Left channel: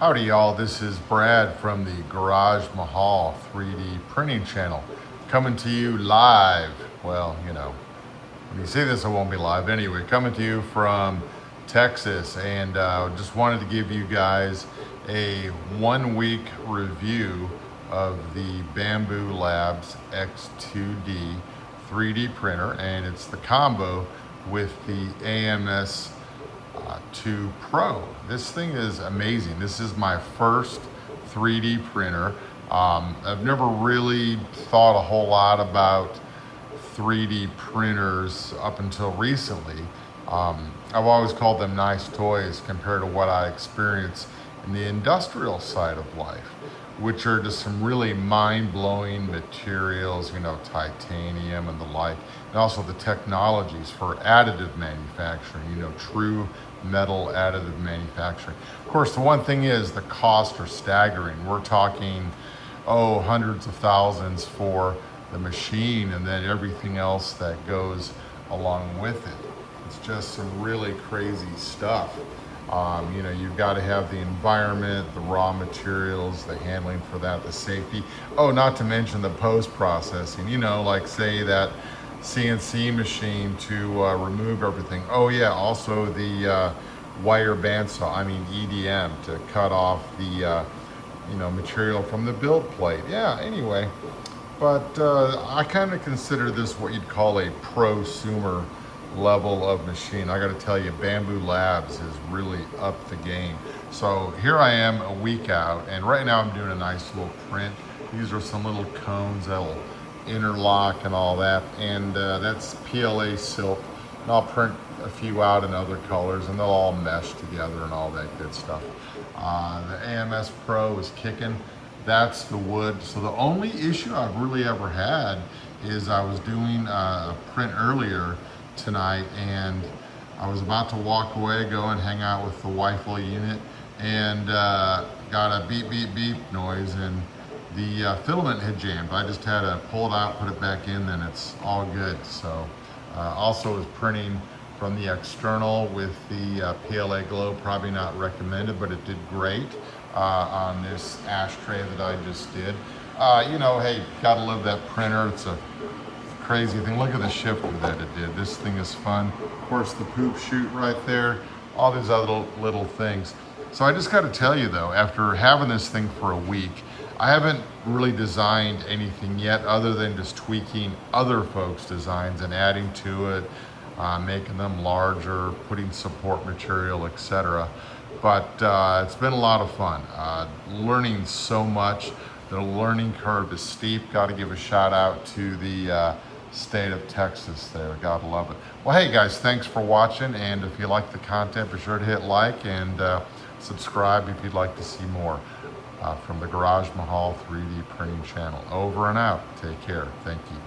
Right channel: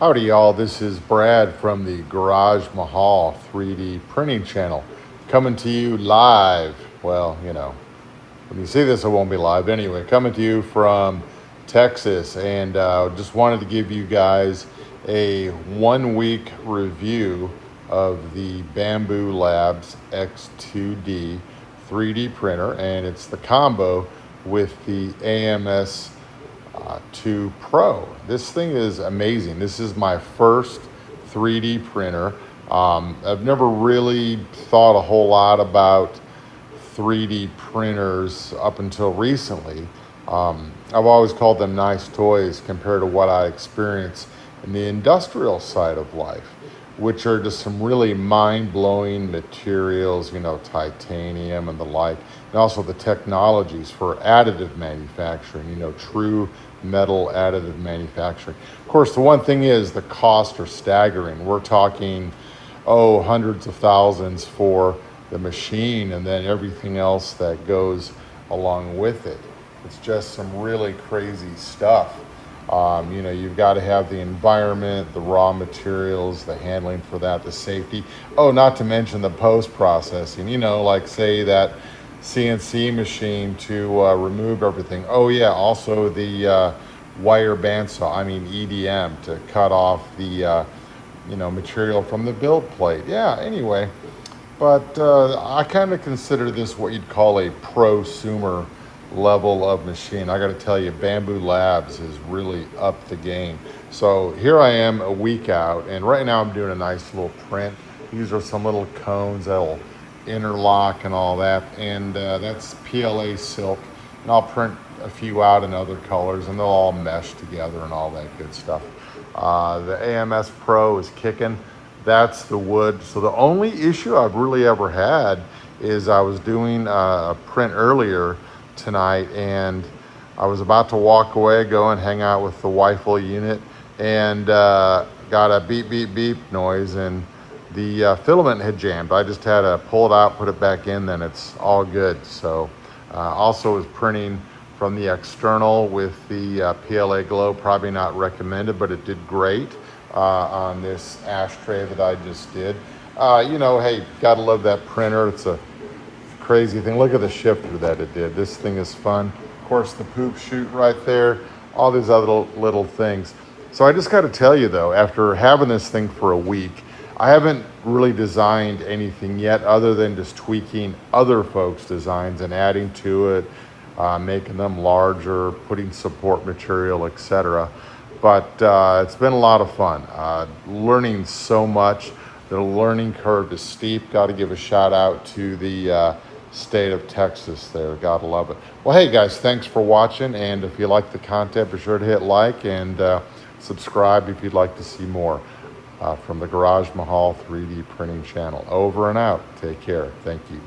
Howdy y'all, this is Brad from the Garage Mahal 3D printing channel, coming to you live. Well, you know, when you see this it won't be live anyway. Coming to you from Texas, and just wanted to give you guys a 1 week review of the Bambu Labs X2D 3D printer, and it's the combo with the AMS 2 Pro. This thing is amazing. This is my first 3D printer. I've never really thought a whole lot about 3D printers up until recently. I've always called them nice toys compared to what I experience in the industrial side of life, which are just some really mind-blowing materials, you know, titanium and the like, and also the technologies for additive manufacturing, you know, true metal additive manufacturing. Of course, the one thing is the costs are staggering. We're talking, hundreds of thousands for the machine, and then everything else that goes along with it. It's just some really crazy stuff. You know, you've got to have the environment, the raw materials, the handling for that, the safety. Oh, not to mention the post-processing, you know, like say that CNC machine to remove everything. Oh yeah, also the wire bandsaw, EDM, to cut off the material from the build plate. Yeah, anyway, but I kind of consider this what you'd call a prosumer level of machine. I got to tell you, Bambu Labs is really up the game. So here I am a week out, and right now I'm doing a nice little print. These are some little cones that'll interlock and all that, and that's PLA silk, and I'll print a few out in other colors and they'll all mesh together and all that good stuff. The AMS Pro is kicking. That's the wood. So the only issue I've really ever had is I was doing a print earlier tonight, and I was about to walk away, go and hang out with the wifeful unit, and got a beep beep beep noise, and the filament had jammed. I just had to pull it out, put it back in, then it's all good. So also was printing from the external with the PLA glow. Probably not recommended, but it did great on this ashtray that I just did. You know, hey, gotta love that printer. It's a crazy thing. Look at the shifter that it did. This thing is fun. Of course, the poop chute right there, all these other little things. So I just gotta tell you though, after having this thing for a week, I haven't really designed anything yet other than just tweaking other folks' designs and adding to it, making them larger, putting support material, etc. But it's been a lot of fun. Learning so much. The learning curve is steep. Got to give a shout out to the state of Texas there. Gotta love it. Well, hey guys, thanks for watching. And if you like the content, be sure to hit like and subscribe if you'd like to see more. From the Garage Mahal 3D printing channel. Over and out. Take care. Thank you.